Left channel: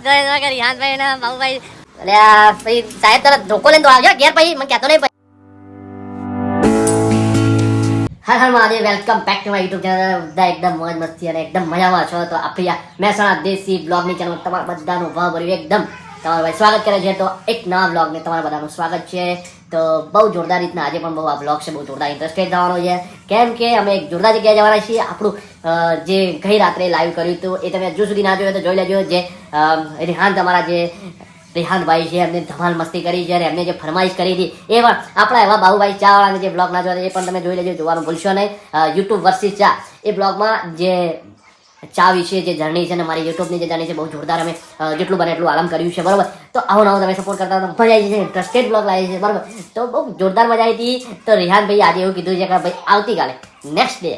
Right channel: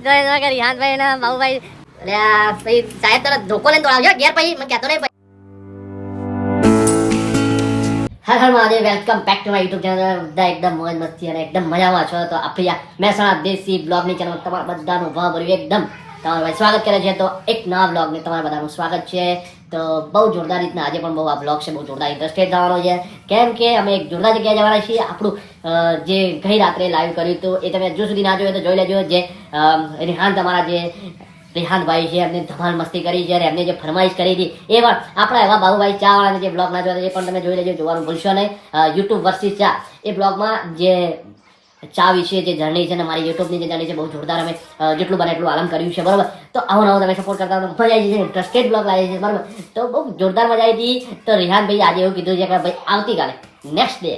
ગયો રિહાનભાઈ ને બાબુભાઈ એટલે પછી સાહેબ તરત ધોકો લઈને તો આવ્યો ઘેર પછી મને કહેતો નહીં. Har Mahadev, welcome back to my YouTube channel. બધા એકદમ મોજ મસ્તી અને એકદમ મજામાં છો. તો આપણી આ મહેસાણા દેશી બ્લોગની ચેનલ તમારા બધાનું ભાવભર્યું એકદમ તમારું ભાઈ સ્વાગત કરે છે. તો એક નવા બ્લોગને તમારા બધાનું સ્વાગત છે. તો બહુ જોરદાર રીતના આજે પણ બહુ આ બ્લોગ છે, બહુ જોરદાર ઇન્ટરેસ્ટેડ થવાનો છે. કેમ કે અમે એક જોરદાર જગ્યાએ જવાના છીએ. આપણું જે ગઈ રાત્રે લાઈવ કર્યું હતું એ તમે હજુ સુધી ના જોયું તો જોઈ લેજો. જે રિહાન તમારા જે રિહાનભાઈ છે એમને ધમાલ મસ્તી કરી છે અને એમને જે ફરમાઈશ કરી હતી એ પણ આપણા એવા બાબુભાઈ ચા વાળાને જે બ્લોગ ના જોયા એ પણ તમે જોઈ લેજો, જોવાનું ભૂલશો નહીં. યુટ્યુબ વર્સિસ ચા એ બ્લોગમાં જે ચા વિશે જે જર્ની છે ને મારી યુટ્યુબની જે જર્ની છે બહુ જોરદાર અમે જેટલું બને એટલું આરામ કર્યું છે, બરાબર. તો આવો નવો તમે સપોર્ટ કરતા મજા આવી છે, ઇન્ટરેસ્ટેડ બ્લોગ લાવી છે, બરાબર. તો બહુ જોરદાર મજા આવી હતી. તો રિહાનભાઈ આજે એવું કીધું છે કે ભાઈ આવતીકાલે નેક્સ્ટ ડે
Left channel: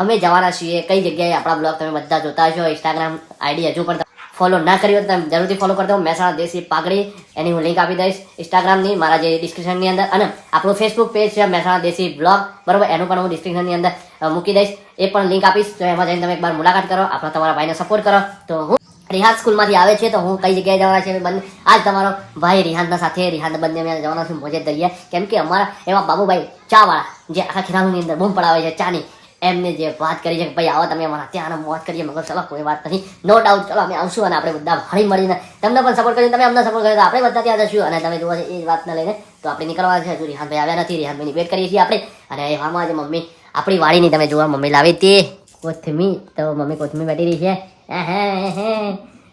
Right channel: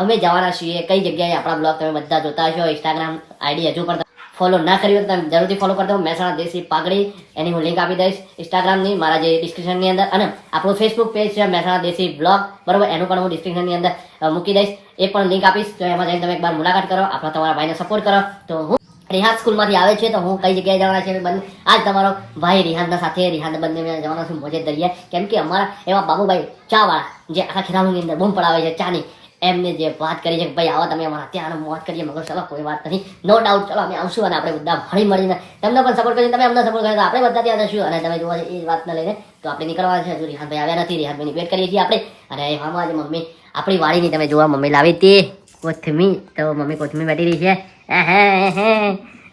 અમે જવાના છીએ કઈ જગ્યાએ. આપણા બ્લોગ તમે બધા જોતા હશો. ઇન્સ્ટાગ્રામ આઈડી હજુ પણ ફોલો ના કરી હોય તો તમે જરૂરથી ફોલો કરી દો. મહેસાણા દેશી પાઘડી એની હું લિંક આપી દઈશ ઇન્સ્ટાગ્રામની મારા જે ડિસ્ક્રિપ્શનની અંદર, અને આપણું ફેસબુક પેજ છે મહેસાણા દેશી બ્લોગ, બરાબર, એનું પણ હું ડિસ્ક્રિપ્શનની અંદર મૂકી દઈશ. એ પણ લિંક આપીશ. તો એમાં જઈને તમે એકવાર મુલાકાત કરો, આપણા તમારા ભાઈને સપોર્ટ કરો. તો હું રિહાન સ્કૂલમાંથી આવે છે તો હું કઈ જગ્યાએ જવાના છે બંને આજ તમારો ભાઈ રિહાનના સાથે રિહાન બંને મેં જવાના છું મોજે દરિયા. કેમ કે અમારા એવા બાબુભાઈ ચા વાળા જે આખા ખેરાલુની અંદર બૂમ પડાવે છે ચાની, એમને જે વાત કરી છે કે ભાઈ આવો તમે અમારા ત્યાં મોજ કરીએ. મગર ચલો કોઈ વાત નથી, નો ડાઉટ, ચલો અમે આવશું અને આપણે બધા હળી મળીને તમને પણ સપોર્ટ કરીએ, તમે અમને સપોર્ટ કર્યો તો આપણે બધા ત્યાં જશું. અને તમે જોવા એ જ વાતને લઈને તો આપણે નીકળવા છે. હજુ રિહાનભાઈ આવ્યા નથી, રિહાનભાઈની વેટ કરીએ છીએ આપણે. અને એવામાં જે મમ્મી આપણી વાડીની તમે જોવા મમ્મી લાવી હતી કોથમી, તો મમ્મી કોથમી બેઠી રહી છે,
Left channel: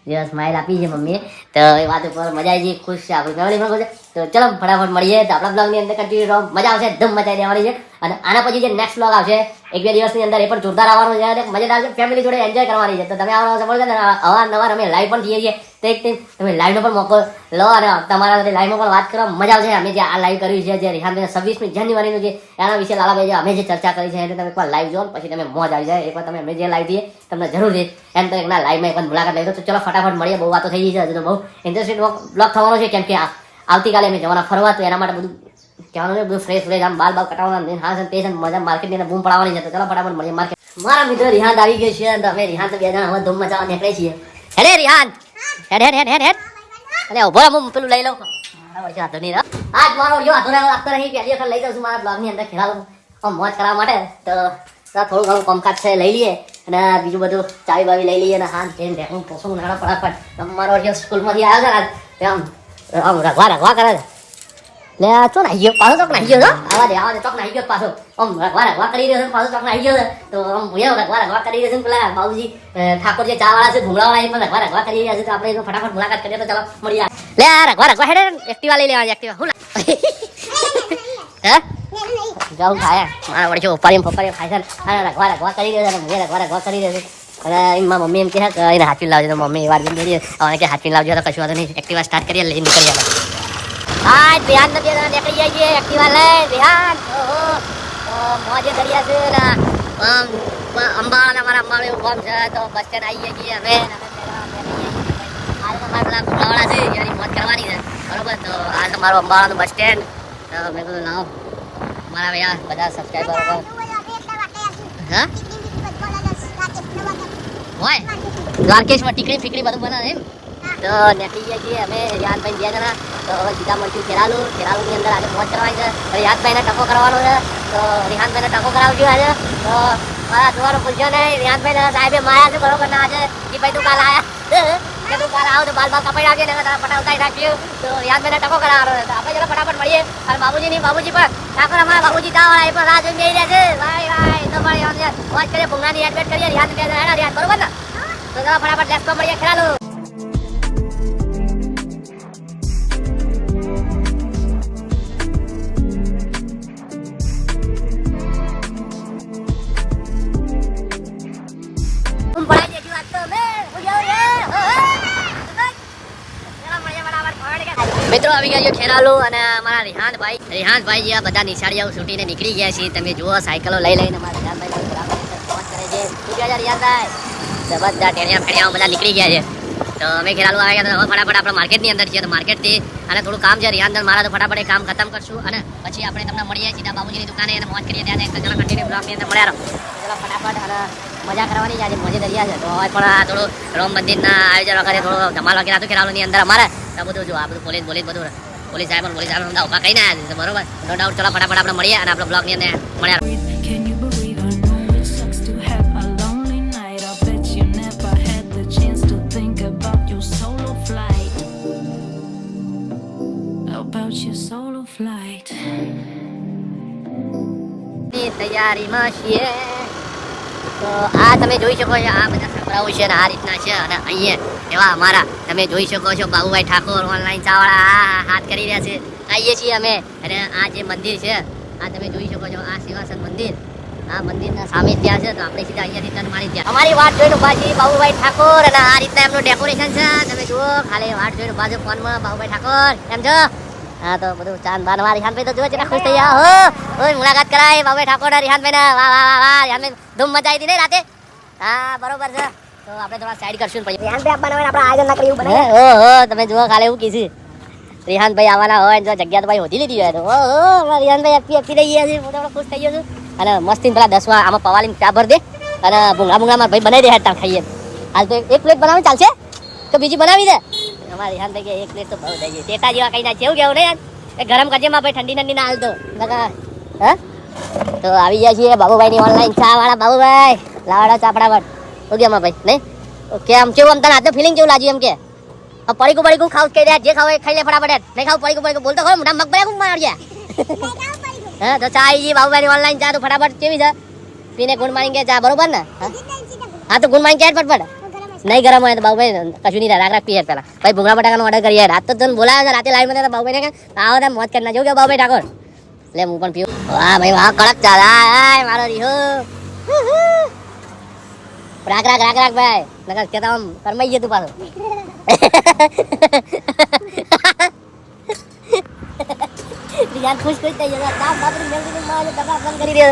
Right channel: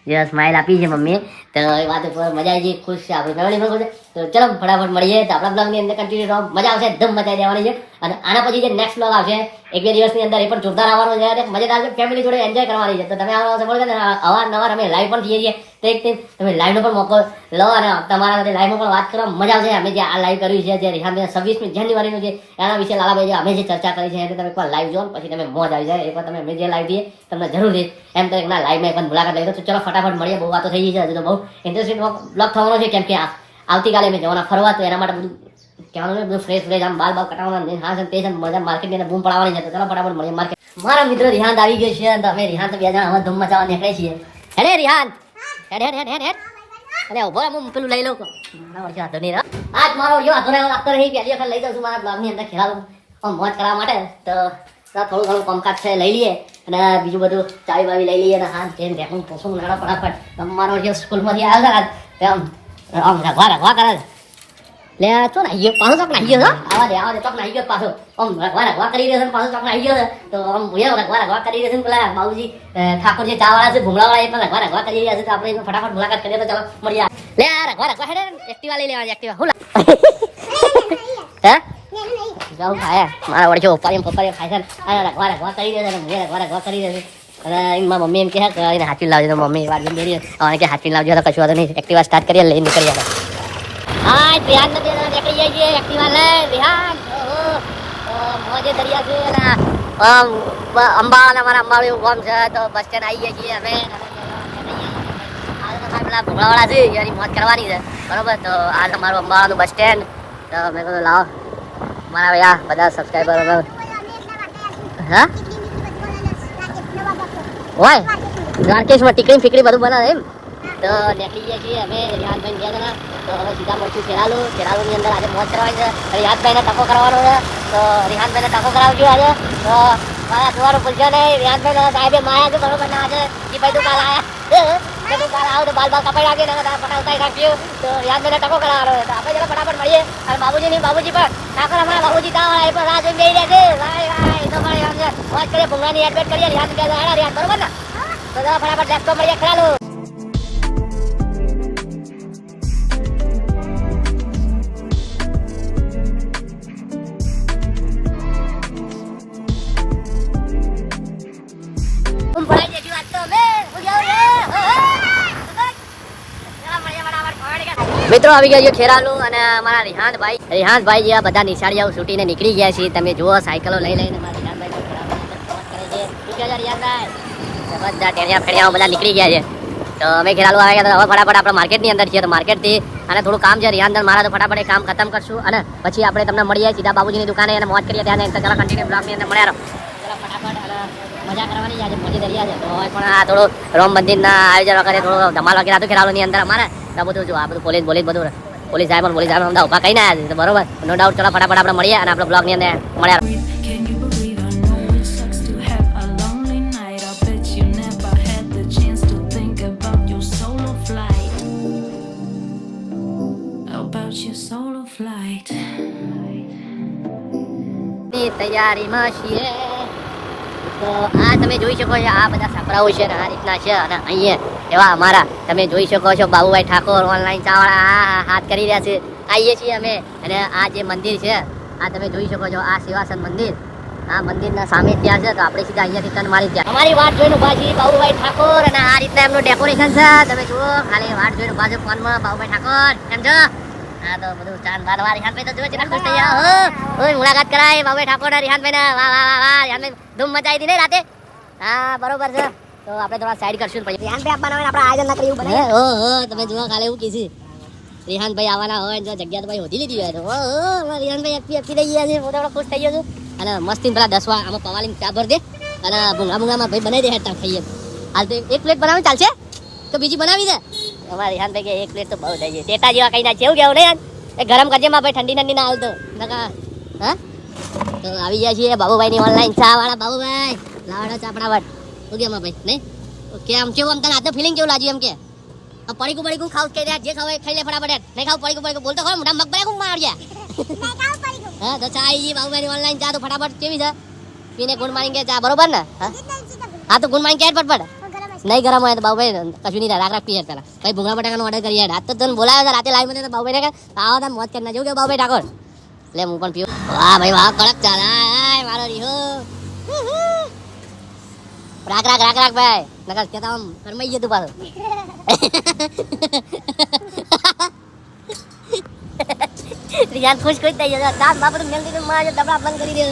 જે સ્માઇલ આપી છે મમ્મીએ. તો એ વાત ઉપર મજા આવી ગઈ, ખુશ છે, આપણી ફેમિલી પણ ખુશ છે. તો ચલો ફટાફટ મળીએ. તો આપણા બ્લોગની અંદર કન્ટિન્યુ રહો, મજા આવશે, ધમ મચાવી દેવાની છે. અને આના પછી જે નેક્સ્ટ બ્લોગ આવશે 1-2 દિવસની અંદર એ પણ જોરદાર આવવાનો છે, મજેદાર છે, ફેમિલી જોડે એન્જોય કરવાની છે. તો તમે આવવાનો સપોર્ટ કરો. અવારનવાર અમે લાઈવ પણ થઈએ છીએ, તો એક તમે લાઈવનો પણ મોકો લો અને તમારા સાથે લાઈવમાં પણ વાત કરવા મજા આવશે. અમે જે આ લાઈવ કર્યું છે જે રિહાન 26મી જાન્યુઆરીનું જે એના વિશે લાલાભાઈ અમે જે ચર્ચા કરી છે એટલે તમે એકવાર લાઈવ જો પછી તમે મોજ આવી જાય. એકવાર તમે અમે જે લાઈવ દઈએ તમને જરૂરથી એમ તો એકના લાઈવમાં એકવાર મુલાકાત લઈ દો. તો ચલો ફટાફટ મળીએ. બહુ વાતો થઈ ગઈ છે, હજુ તો બહુ ઇન્ટરેસ્ટિંગ બ્લોગ થવાનો છે. કેમ કે આવતીકાલે અમે જવાના ફરવા, તો એના માટે બધું કહેવાનું છે, બધું ફ્રેશ આમ બાલ કટાવવાના, હા તે મજા માર્કેટની અંદર બૂમ પડાવવાની છે. તો ચલો ફટાફટ મળીએ માર્કેટ. મારા મિત્ર રિહાન આવી ગયો છે અને અમે રિહાન તો 2 જણા હવે ધૂમ મચાવવા નીકળે છીએ. હેડે રિહાન, હેડ હેડ હેડ હેડ હેડ. અરે ઉભો હું પેલું લઈ લઉં. આજ મારો જો હાથો રાખતો રહી પહેલી વખત લઈ જાઉં છું મારા બ્લોગની અંદર ખેલાડું મોજ કરવા માટે. તો થોડું ઘણું કામકાજ છે લઈ લઈએ અને બીજું બધું ચાવી બાવી લઈ લઈએ અને હાથ કેમ રેકું પોસું નાડો ફટાફટ. મારો જે સ્કૂલમાંથી આવ્યો છે આમ આમ રગવા કરે લે ચો નાહી ગયો પાછો, ચોક નાહી ગયો. આવા દે ચોક નાહી ગયો પાછો. આમ રગવા કરી રહ્યો છે પાછો ચોક નાહી ગયો છે. તો આમ ભૂયા રગવા કરી રહ્યો છે. પેલા બાબુજી ઠાકોર જે ચા વાળા છે ભૂંગળા વાળા એ પણ રગવા કરી રહ્યા છે. તો આપણે ફટાફટ મુલાકાત કરીએ. તો ચાલો મળીએ. લે રગવા હેડે એક્ટિવા લઈ લેવા. એક્ટિવા હું હે જાઉં ખાય મારા વડે ઉપાડી ખાય છે. રગવા કરી રહ્યો છે. હું રગવા કરી રહ્યો છે. અને એમાં મમ્મી એમ કહે કે એને હાથવી લાવજો. તો મમ્મી વાર જઈને બેરી હવે કે હાથવી લાવજો. તો કશું વાતો નહીં, એક્ટિવા સ્ટાર્ટ કરીએ લઈને નીકળી આવે. હા રિહાન નથી નીકળી જાય છે એક્ટિવા લઈ રિહાન. મોજે દરિયા છે ને અંબાવાલા મારા અંબાવાળી ગામ છે. તો બસ સ્ટેન્ડ આવી જાય છીએ હવે. પેલા ભૂલાવાળા છે એની મોજ કરવાની છે, બરાબર. તો આ તમારું અંબાવાલાનું બસ સ્ટેન્ડ. તો મેં કહ્યું લાવો મારા ભાઈ બધા સબસ્ક્રાઈબર હા હોય દ્વારકેશમાં ટીકડી ફીકડી બધું બનાવે એમ. તો નીકળી ગયા છીએ હવે રિહાનભાઈ 2 જણા. તો હવે બીજા મળતી ખેલાલુની અંદર આજે પહોંચ કરવાની છે. રિહાનભાઈને ટકો કરવાનો છે. તો રિહાનભાઈને ટકો કરાવજો આજે. તો મારા જોવાનું ભૂલજો નહીં. રિહાનભાઈને સાહેબે માયા છે બરોબર ના છે એ ભાઈ તું કાલ આવ્યા તું કાલ આવો તો બાલ કપાઈ નાખીને ફટાફટ નાખીએ. તો રિહાનભાઈને ટકો કરાવવાનો છે. આપણે જરા ફટાફટ મળીએ. અને બાબુજી પણ ઠાકોર અમારા બાબુજી તાવાળા એ પણ રાહ જોઈને બેસી રહ્યા છે. રાય તમારે વાત કરીએ ભૂંગાની એડવેટ કરીએ. રિહાન બરોબર ને. તો ફટાફટ દસ્તો મળીએ ખેલાલો. મિત્રો આવી ગયા છે ખેરાલુ અને અમારા રિહાનભાઈ જે બધા નિશાળીઓ છૂટીને નીકળી ગયા છે. તમે જુઓ સાયકલો લઈ લઈને અમારા રિહાનભાઈ બધા ટેણિયા બધા નીકળી ગયા છે. તો અમે ખેરાલુ આવી ગયા. હવે ફટાફટ આપણે માર્કેટની અંદર છીએ. તો માર્કેટથી અને થોડું કામ છે રિહાન મારા. તો ફટાફટ એ કામ ખતમ કરશું અને પછી આપણે તમને મળીએ સીધા બાબુજીની દુકાને અને મોજ કરીએ ત્યાં. તો ચાલો કન્ટિન્યુ બ્લોગની અંદર મળ્યા રહો. ચાલો ફટાફટ મજા કરવાની આજે મોજે દરિયા છે તો હવે પણ આ થોડું રામ મંદિરના આયોજન વખતે થોડો ધમાલ વગેરે હતું ખેરાલુની અંદર અમારે તો બધું જો આ બધું બધું પોલીસ સાહેબ અમને ઉભા કહીને આવ્યા છે બરોબર નો ડાઉટ. ચલો ફટાફટ આપણે મળીએ અને આપણે બ્લોગની અંદર મળ્યા. Can you believe I know it sucks to have a lonely night? I bet you never had the chance to think about your solo flight. About your solo flight. ની તૈયારીમાં છીએ તો આ તમે જોઈ શકો છો આ બધા સાપડાઓ છે ને આ રીતના છે અને અહીંયા એવા અમારા તમે જોઈ શકો છો બાબુભાઈ ઠાકોર ઓનલાઈન ચાવાળા હાથ કરી રહ્યા છે. આવીએ છીએ અમે અને આ જે મંદિર છે આ તમે જોઈ શકો છો આ સેવાસન મંદિર આ મંદિરના સામે ત્યાં છે તો આપણે સીધા અહીંયાથી ટર્ન મારી ત્યાં અમારી વાટ જોઈને બાજી બાબુભાઈ ઠાકોર અને આ રીતના એમનું ડેકોરેશન છે તમે જુઓ ખાલી વાટ જોઈને બાજુ ફોનમાં બાબુભાઈ ઠાકોર એમ છો. હા તો બધું ચાંદ બાન માં રિહાનભાઈ તો જો કેટલા ખુશ થઈ ગયા હો. ઓય મુલાકાત કરાય બાબુભાઈ ઠાકોર ને રિહાનભાઈ ને વાહ વાહ વાહ વાહ રિહાનભાઈ ધૂમ મચાવી હતી ને રાતે. હા બરોબર છે તો આપણે થોડા સાઈડ કરશું પછી રિહાનભાઈ આપવાના હોય આપણે આયોજન ના કર્યું બને. ઓહો તમે જુઓ ખાલી એવું કીધું રિહાનભાઈ આવવાના હોય જો જગ્યા તો ભાઈ હોધી લીધી હોય તો ઓહો રિહાનભાઈ આપી દઈ ગયા છે હું તો ખુશ થઈ ગયો છું. અને મસ્તી પેલા 10 આમાં પવાલી ચા ભર દે અને ભૂંગળા માં ભાઈ બનાવી દે હેઠ ખાઈએ હાલ તો એક પ્લેટ બનાવી ચાલશે તો બીજી બનાવી દે. અમારા રિહાનભાઈ કે એક પ્લેટ તો બહુ થઈ ગઈ ટેટા જેવા કઈ ના છે એવું કેવું નહીં યાર એ ગરમ કરજે માં ભાઈ ઠંડી ના હાલતો હા તો આવી જાય છે બાબુભાઈ ની ઓનલાઈન ચા વાળા બાબુભાઈ લાવાડો ચા ફટાફટ શું કે ભાઈ નહીં ઓકે આમ કેવું આમ તને આજે ફિલિંગ કેવું લાગ્યું એમ કે પડીકું ખાવ કે જે ખાવ ખાઈ લે ફટાફટ નહીં ખાવ પડીકું બોલતો ખરો મોટા મગ બળ્યા માર્યા હા તો ચા આવી ગઈ બાબુભાઈ ની ઓનલાઈન ચા તો ફટાફટ કેવી છે પીને ગુડ મોર્નિંગ કે ચા બરોબર ને હા તો ગુડ મોર્નિંગ કે ફટફટ નહીં ગરમ હોય તો બાબુભાઈ કશું નહીં રાખ પીએ પેલા ભાઈ ભૂંગળા બટાકાનો ઓર્ડર કરીએ રાત તો તને બોલાવ્યો રાતે લાઈવ માં બાબુભાઈ ને આવો તમે મોજ કરી નાખજો કે બાબુભાઈ ઠાકોર એટલે હું પણ પીવું. વાહ ભાઈ વાહ કડક ચા હાય મારો રીહો રાખ ભાઈ નકર કે આમ કરમાઈ ગયું તું પાછું. રિયાન ખુશ થઈ ગયો તાર બાપુ જલ્દી માં ડબલા બંધ કરી દે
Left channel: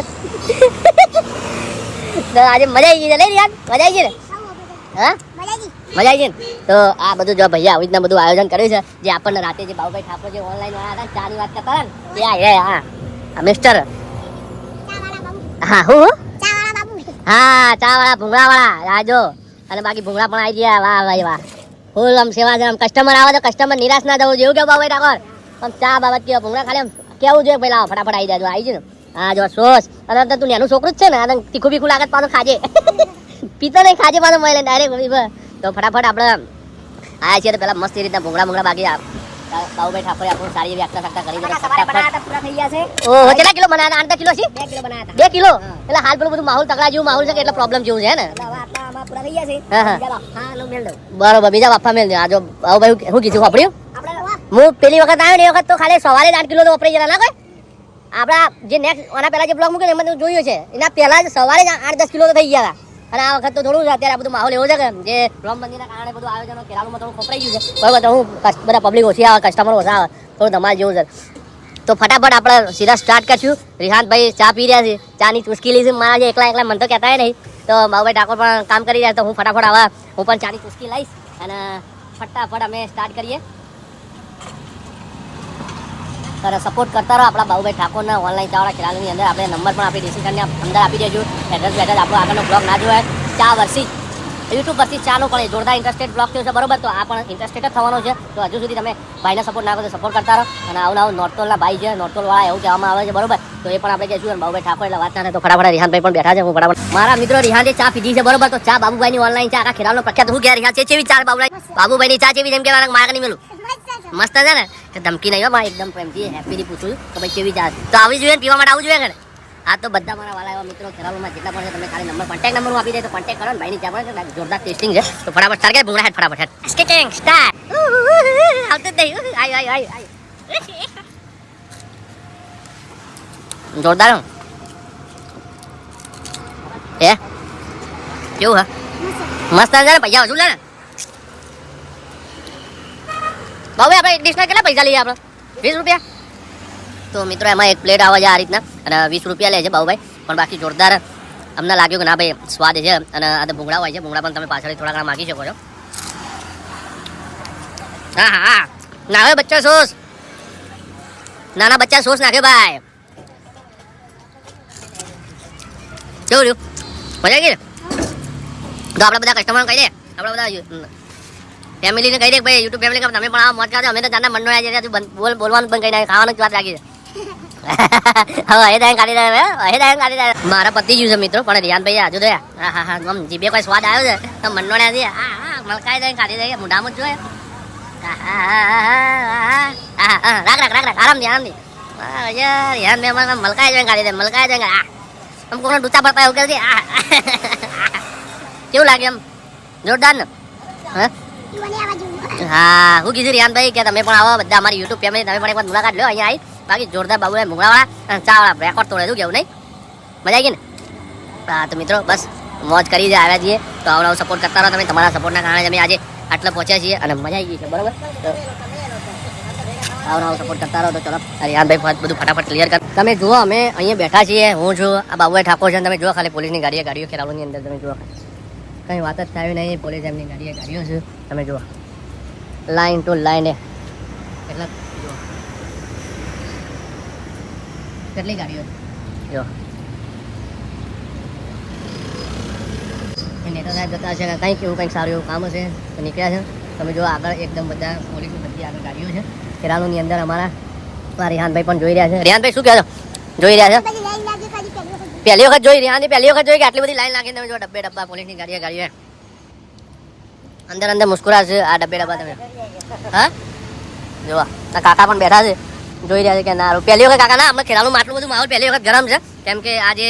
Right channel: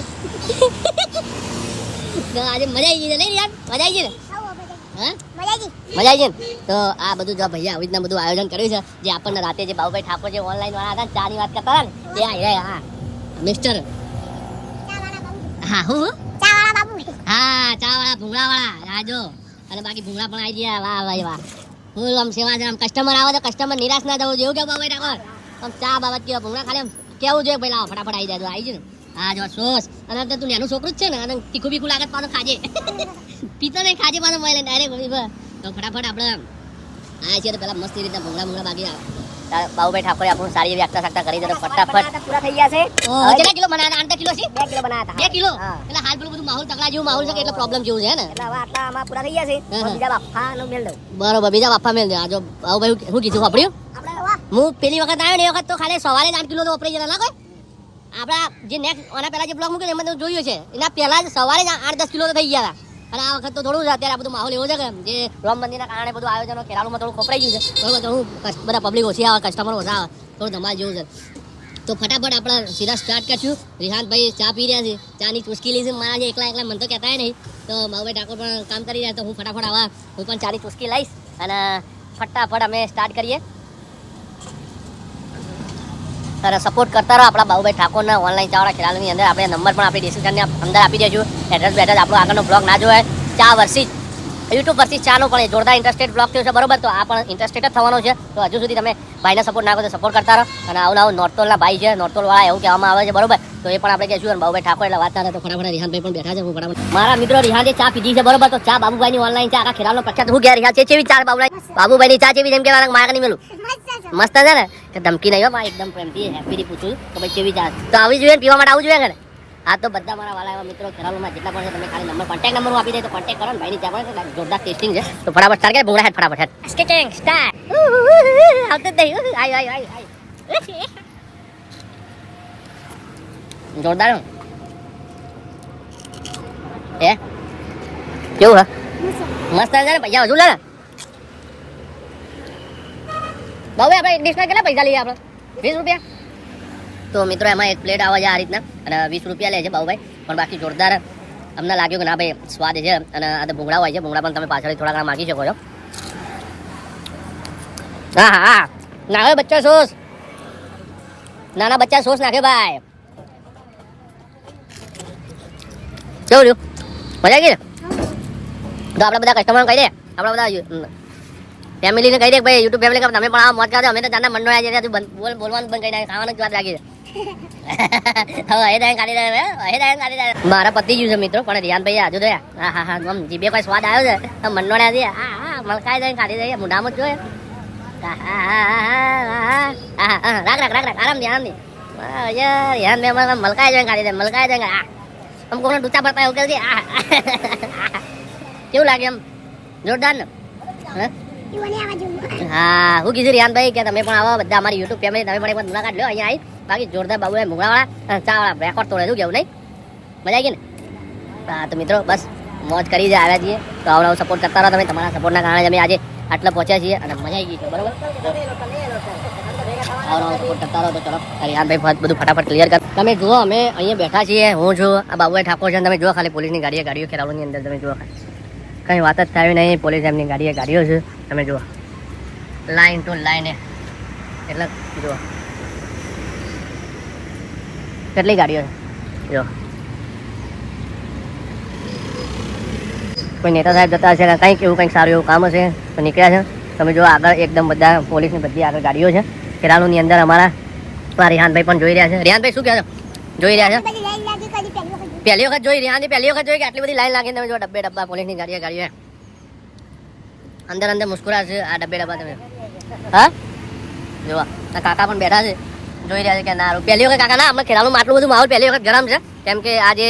તો આજે મજા આવી ગઈ છે રિયાન મજા આવી ગઈ ને હા મજા આવી ગઈ ને તો આ બધું જો ભૈયા આવી રીતના બધું આયોજન કર્યું છે જે આપણને રાતે જે બાબુભાઈ ઠાકોર જે ઓનલાઈન વાળા હતા ચાની વાત કરતા હતા ને હા મિસ્ટર હા હું હા ચા વાળા ભૂંગળા વાળા આ જો અને બાકી ભૂંગળા પણ આવી ગયા વાહ ભાઈ વાહ ફૂલ આમ સેવા છે આમ કસ્ટમર આવે તો કસ્ટમર નિરાશ ના થવું જેવું કે બાબુભાઈ ઠાકોર આમ ચા બાબત કે ભૂંગળા ખાલી આમ કેવું જોઈએ પેલા ફટાફટ આવી જાય આવી છે ને હા જો સોસ અને તું એનું છોકરું જ છે ને આ તીખું બીખું લાગત પાછું ખાજે પીતો નહીં ખાજે પાછું મળે ડાયરેક્ટ તો ફટાફટ આપણે આયા છીએ તો પેલા મસ્ત રીતના ભૂંગળા બાકી બાબુભાઈ ઠાકોરે આપણું સારી એવી આકતા કરી દીધો પૂરા થઈ ગયા છે. ઓહો કેટલા કિલો બનાવ્યા 8 કિલો છે 2 કિલો બનાવ્યા 2 કિલો એટલે હાલ પેલું બધું માહોલ તકડા જેવું માહોલ છે કે એટલે પ્રોબ્લેમ જેવું છે ને આમાં પૂરા થઈ ગયા છે બીજા બાફા નો મેલ દો બરોબર બીજા બાફા મેલ દો આ જો બાબુભાઈ શું કીધું વાપર્યું હું પેલી વખત આવ્યો ને એ વખત તો ખાલી સવારે 8 કિલો તો વપરાઈ જરા ના કોઈ આપણા જે નેક્સ્ટ આના પહેલા જે બ્લોગ મૂક્યો એમાં તો જોયું છે એના પહેલા જ સવારે 8-10 કિલો તો થઈ ગયા હતા અને આ વખત તો થોડું અત્યારે આ બધું માહોલ એવો છે કે જે રામ મંદિરના કારણે બધું આયોજનો કેરાલુમાં થોડું ખોપરાઈ ગયું છે બરાબર તો હું બધા પબ્લિક ઓછી આવે કસ્ટમર ઓછા આવે થોડું ધમાલ જેવું છે તો ફટાફટ આપણે સીધા સ્ટાર્ટ કરશું. રિહાનભાઈ ચા પી રહ્યા છે ચાની ચુસ્કી લીધી મારા જે એકલા મને તો કહેતા નહીં તો બાબુભાઈ ઠાકોર પણ કામ કરી રહ્યા તો હું ફટાફટ આવા હું પણ ચાની ચુસ્કી લઈશ અને ફટાફટ અમે સ્ટાર્ટ કરીએ. સર સપોર્ટ કરતા રહો આપણા બાબુભાઈ ઠાકોરના ઓનલાઈન ચાવાળા ખેરાલુની અંદર આપણે નંબર પણ આપણી ડિસ્ક્રિપ્શનની અંદર આપી દેજો એડ્રેસ બેડ્રેસ આપણો આગળનો બ્લોગ ના જોવાય ચા વર્ષી યુટ્યુબ પરથી ચાનો પણ જોરદાર ઇન્ટરેસ્ટેડ બ્લોગ થયો છે બરોબર તો આ પણ ઇન્ટરેસ્ટેડ જ થવાનો છે તો હજુ સુધી તમે ભાઈને સપોર્ટ ના કરો તો સપોર્ટ કરતા રહો અને આવું નોટોલના ભાઈ છે નોટોલ વાળા એવું કહેવામાં આવે છે બરોબર તો એ પણ આપણે કહીશું અને બાબુભાઈ ઠાકોર એટલે વાત ના તો ફટાફટ રિહાનભાઈ પણ બેઠા છે હું ફટાફટ મારા મિત્રો રિહાને ચા પીધી છે બરોબર તો ચા બાબુભાઈની ઓનલાઈન ચા આખા ખેરાલનો પ્રખ્યાત હું ગયા રિહાન છે ચેવી ચા બાબુભાઈની ચા ચેવી જેમ કે મારા નહીં મેલું મસ્ત છે ને કે ધમકી નહીં હોય એકદમ પ્રેમથી હેપીથી પૂછું તો ભાઈ કેવી ચા તો આવી જોઈએ પીવા માટે આવું જોઈએ ને આ તો બધા મારા વાલા એવા મિત્રો ખેરાલુમાં જેટલા પણ છે તમે ખાલી નંબર કોન્ટેક્ટ નંબર હું આપી દે તો કોન્ટેક્ટ કરો ને ભાઈની ચા પણ જોરદાર ટેસ્ટિંગ છે તો ફટાફટ સ્ટાર્ટ કરે ભૂંગળા હેડ ફટાફટ હેડ સ્કેટિંગ સ્ટાર્ટ આવતો જ નહીં આય જોરદાર હે કેવું હે મસ્ત છે ને પૈસા હજુ લે ને બાબુ આપણે ડિશના કેટલા પૈસા લઈએ આપણે 20 રૂપિયા તો મિત્રો એમાં એક પ્લેટ આવે છે આ રીતના અને 20 રૂપિયા લે છે બાબુભાઈ પણ બાકી જોરદાર અમને લાગ્યું કે ના ભાઈ સ્વાદ છે અને આ તો ભૂંગળા હોય છે ભૂંગળા પણ તમે પાછળ થોડા ઘણા માગી શકો છો. હા નાખે બચ્ચા સોસ નાના બચ્ચા સોસ નાખે ભાઈ કેવું રહ્યું મજા આવી ગઈ ને તો આપણે બધા કસ્ટમર કહી દે, આપણે બધા ફેમિલીને કહી દે ભાઈ, યુટ્યુબ ફેમિલી તમે પણ આવો મોજ કરો. અમે તો જાના મંડળ આજે બોલવાનું બંધ કરી નાખે, ખાવાનું જ વાત રાખી છે. હવે એ દાય કાઢી દે, મારા પતિ ગયું છે મિત્રો, પણ રિયાન ભાઈ આજુ દે હા આમ જીભે કોઈ સ્વાદ આવ્યો છે તો મંડળ આજે હા મલકાઈ દે કાઢી દે મોઢામાં જ જોઈએ. રાખ આરામથી રિયાન ભાઈ મલકાઈ જાય કાઢી દે, મલકાઈ જાય આમ કોને ડૂચા પડતા એવું કરી કેવું લાગે એમ જોરદાર ને. હા હું કીધું રિયાનભાઈ કે તમે પણ આવો બધા અમારી યુટ્યુબ ફેમિલી, તમે પણ એક વાર મુલાકાત લો અહીંયા આવી. બાકી જોરદાર બાબુ મુંગળાવાળા ચા વાળા રેકોર્ડ તોડે શું કેવું નહીં, મજા આવી ગઈ ને. હા તો મિત્રો બસ મોજ કરી જ આવ્યા છીએ, તો આવો સપોર્ટ કરતા રહો તમે. તમારા સપોર્ટના કારણે અમે આજે આટલા પહોંચ્યા છીએ અને મજા આવી ગઈ છે, બરોબર. આવો સપોર્ટ કરતા રહો. તો ચલો રિયાનભાઈ બધું ફટાફટ ક્લિયર કર. તમે જુઓ અમે અહીંયા બેઠા છીએ, હું છું, આ બાબુએ ઠાકોર છે. તમે જુઓ ખાલી પોલીસની ગાડીઓ ખેરાલુની અંદર તમે જુઓ ખાલી કઈ વાત જ થાય નહીં. પોલીસ એમની ગાડીઓ છે તમે જુઓ, લાઈન ટુ લાઈન એટલે જુઓ કેટલી ગાડીઓ છે. જો કોઈ નેતા સાહેબ જતા હશે, કંઈક એવું કંઈક સારું એવું કામ હશે તો નીકળ્યા છે. તમે જો આગળ એકદમ બધા પોલીસની બધી આગળ ગાડીઓ છે ખેરાલુની અંદર. અમારા રિહાનભાઈ પણ જોઈ રહ્યા છે. રિહાનભાઈ શું કહો છો, જોઈ રહ્યા છે? પહેલી વખત જોઈ કે આટલી બધી લાઈન લાગી. તમે જો ડબ્બા પોલીસની ગાડીઓ અંદર મુસ્કુરા છે આ ડબ્બા તમે. હા જો આ કાકા પણ બેઠા છે, જોઈ રહ્યા છે કે ના પહેલી વખત કાકા ના અમે ખેરાલુમાં આટલું બધું માહોલ પહેલી વખત ગરમ છે, કેમ કે આજે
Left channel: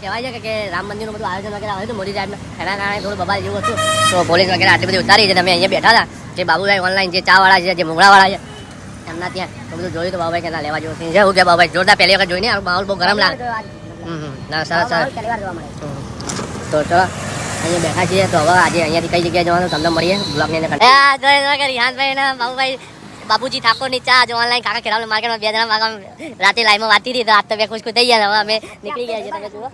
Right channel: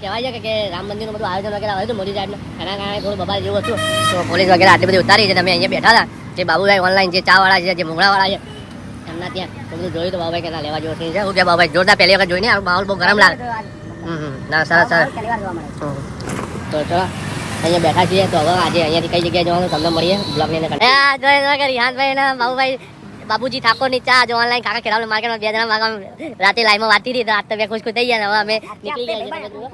કહેવાય છે કે રામ મંદિરનું બધું આયોજન વગેરે આવ્યું હતું મોદી સાહેબને, એના કારણે થોડું બબાલ જેવું હતું. તો પોલીસ વગેરે આટલી બધી ઉતારી છે. તમે અહીંયા બેઠા હતા જે બાબુભાઈ ઓનલાઈન જે ચા વાળા છે, જે મુંગળાવાળા છે, એમના ત્યાં તો બધું જોયું તો બાબુભાઈ કે ના લેવા જેવો સીન છે. હું કે બાબુભાઈ જોરદાર પહેલી વખત જોઈને માહોલ બહુ ગરમ લાગે. ના સરસ. તો ચલો અહીંયા બેઠા છીએ, તો હવે આજે અહીંયાથી કઈ જગ્યાએ જવાનું તમને મળીએ બ્લોગની અંદર. રિહાનભાઈ ને બાબુભાઈ બાબુજી ઠાકોરની ચા જો ઓનલાઈન કાકા ખેરાલુ માર્કેટમાં 2 જણા રાતે લાઈવમાં વાતી હતી, તો આજ તો બે ખુશ થઈ ગયા. હવે અમે નીકળી ગયા છીએ. તમે જુઓ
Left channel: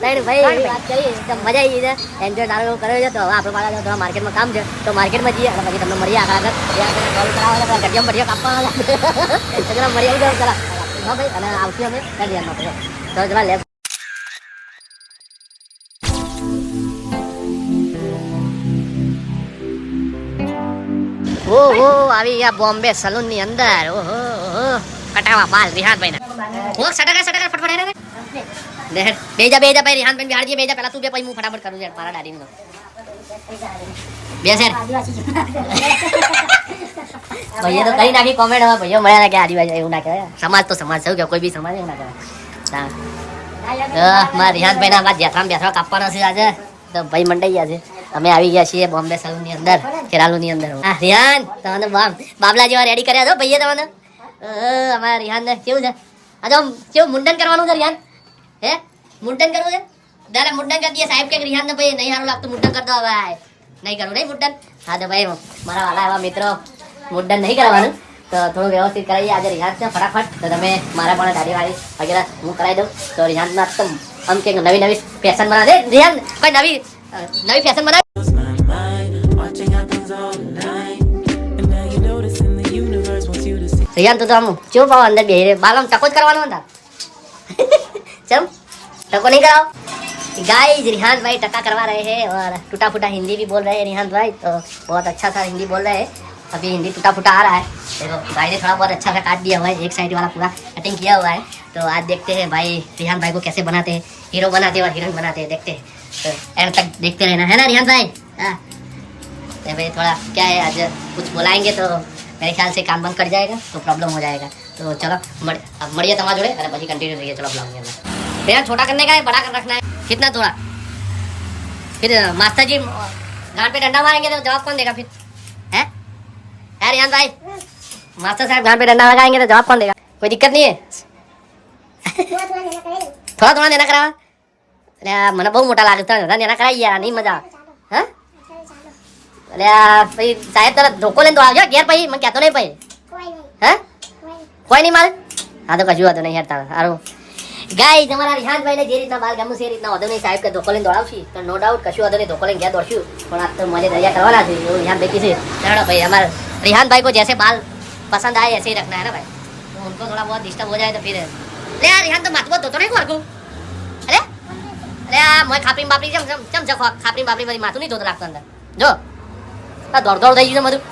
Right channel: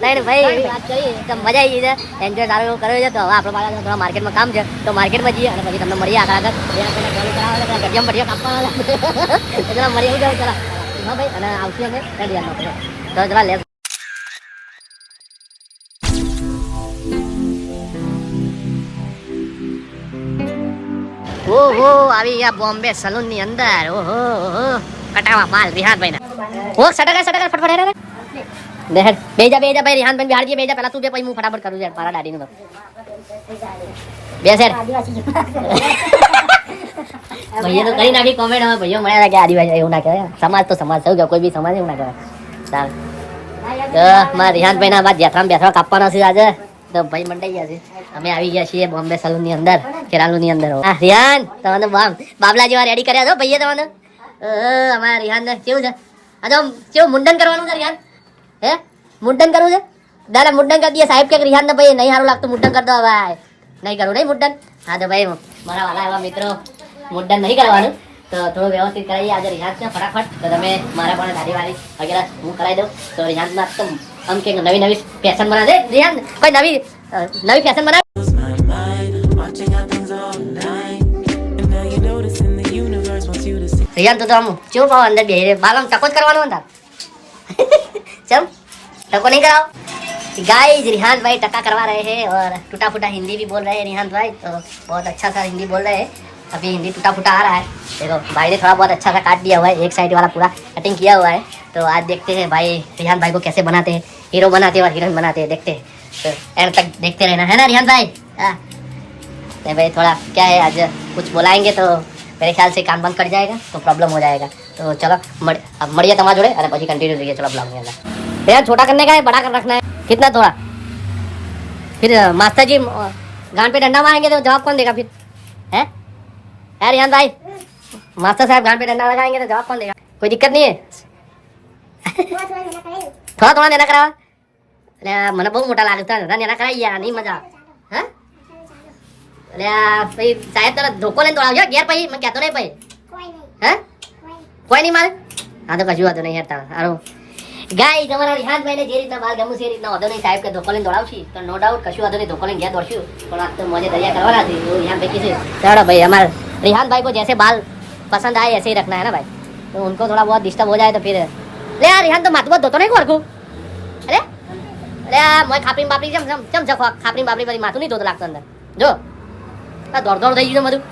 ત્રણ ભાઈ વાત કરી તો મજા આવી છે, એન્જોય સારો એવું કર્યો છે. તો હવે આપણે પાછા થોડા માર્કેટમાં કામ છે, તો માર્કેટમાં જઈએ અને પછી તમને મળીએ આગળ કોલ કરાવવા ગઢિયા બઢિયા કાપવા ચલા મળીએ ચલા. હા ભાઈ અને આવશું અમે તો ચલા લે. ઓહો આવી ગયા બોમ્બે સલૂન ની અંદર. ઓહો કટાવા બાલ રિહાનભાઈ ના ઓ સટકા ફટફટ રે દેખ બેજા ભાઈ રિહાનભાઈ બિહાર જી બેજા પહેલા તું બે પછી હું ફટાફટ કરું યાર મારા દાદી નું બે સર ભૈયા તો કઈ નાખી કોમેન્ટ. હવે ભૈયો મળ્યા કે આદિવાસી એવું ના કરે, સમાજ તો સમાજ છે, કોઈ બી સમાજ એવું ના કરે. તો મારા રિહાનભાઈ ના બાદ બેઠા કાપવાના છે આજે, તો ભાઈ મંડાઈ ગયા છે. અમે આવી ગયા છીએ બોમ્બે સલૂન ની અંદર ખેરાલુ ની અંદર. રિહાન તમને બાબલા જેવા રેડી કર્યા છો ભાઈએ તમને. અમારા રિહાન ને કેવું છે આ તો કેવું મુંડન કરવાનું છે રિહાન? હે મુંડન કરવું છે? દાદા મુંડન કરી દઈએ સાહેબ કે રિહાન ને ભાઈ નહીં સારું લાગતું મુંડન કરી દો. ભાઈ નહીં કરવું નહીં મુંડન? હા તો ભાઈ મારા વાલા એવા મિત્રો મુંડન નહીં કરવાનું, તો થોડું વ્યવસ્થિત કરાવીએ આજે રિહાન છે ફટાફટ. તો તમે મારા પણ દાઢીવાળી વગેરે હું કરાવી દઉં. તો રિહાન ના તો આમ કે નવી ફેશન બનાવે રિહાન, કોઈ નવી ફેશન બનાવે રિયાન. તો આમ કેવું પાવ અંદર બે બાલ આમ ટકો જ કરવાનો હતા चल टको नहीं कराओ गाइस। रिहान भाई टका करवा रहे हैं और टूटा फूटा हिंदी भी बोल रहे हैं रिहान भाई, तो बहुत अच्छा सा हिंदी बोल रहे हैं। अभी हिंदी टूटा फूटा आ रहा है, देखो भाई ने थोड़ा बहुत अच्छा सा काट दिया हुआ है, एक साइड वाला पूरा कटिंग किया हुआ है। तो आज देखते हैं भाई रिहान भाई को कैसे बनाते हैं, हीरो बनाते हैं और हीरोइन बनाते हैं, देखते हैं। तो एंड तक देखते रहना है ना रिहान भाई। तो भाई थोड़ा क्या है आज कुछ बुलाएंगे तो मेरे ख्याल से काम बंद कर जाएगा, तो प्रॉब्लम हो जाएगा। तो चलो अब मड़िया तमा जोड़े अरे बजी कंटिन्यू रहिए। चलो ब्लॉग में भैया छोटा करने का है बड़ा कर रखना है कितना थोड़ा, फिर मास्टर जी गान पे डंडा मारेंगे तो जवाब कौन देगा फिर है रिहान भाई? मास्टर साहब गान पे डंडा लगाएंगे तो जवाब कौन देगा? कोई दिक्कत नहीं है थोड़ा थोड़ा देना करावा? अरे મને બહુ મોટા લાગે તો દેના કરાઈ યાર નહીં મજા હા અલે ભાઈ સાહેબ તારા ધોકો લઈને તો આવજો ઘેર પછી મને કહેતો નહીં પછી હે કોઈ નહીં મારે હા તો કશું વાતો નહીં યાર તારા સારું ગાઈસ અમારા રિહાન ભાઈને જે રીતના બાલ ગમું છે એ રીતના વાંધો નહીં સાહેબ કે ધોકો લઈને દોડાવશી તો નો ડાઉટ કશું વાંધો નહીં ધોકો લઈને ઘેર દોડશું પણ આ તો મજે દરિયા કરવાના છે એવું રિહાન ભાઈ કીધું चलो भाई हमारे रिहान भाई को जैसे बाल पसंद आए ऐसे ही रखना है ना भाई, तो उनको थोड़ा बहुत डिस्टर्ब हो जाए तो फिर अरे यार रिहान तो माथुआ धोतो नहीं को अरे અરે આ મોય ખાપરી બાપરી ચમ છે ખાપરી બાપરી બધી માથું નહીં ધોતો લાગતો અંદર જો આ દોડ થઈ ગયું છે બધું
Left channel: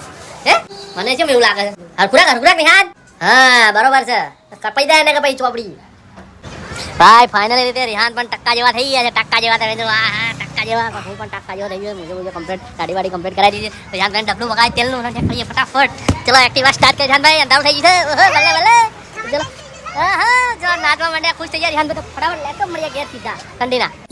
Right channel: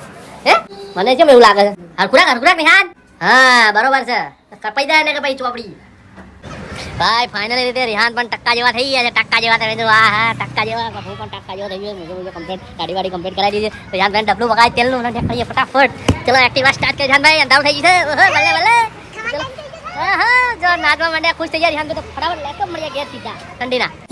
હે મને કેમ એવું લાગે હરખુરાક નિહાન હા બરોબર છે કપાઈ જાય ને કે ભાઈ ચોપડી ભાઈ ફાઇનલી રીતે રિહાન પણ ટક્કા જેવા થઈ ગયા છે ટક્કા જેવા થઈ ગયા હા ટક્કા જેવા હું પણ ટક્કા જેવા થઈ ગયો મુझे કમ્પ્લીટ ગાડી કમ્પ્લીટ કરાવી દીધી તો રિહાન ભાઈ ડબલું વગાડી તેલનું અને કરીએ ફટાફટ ચલો એક્ટિવા સ્ટાર્ટ કરી રિહાન ભાઈ અંધારું થઈ ગયું છે ભલે ભલે ચલો હા જો નાચવા માંડ્યા ખુશ થઈ ગયા રિહાન તો ફટાફટ લેકઅપ મળ્યા ઘેર સીધા ઠંડીના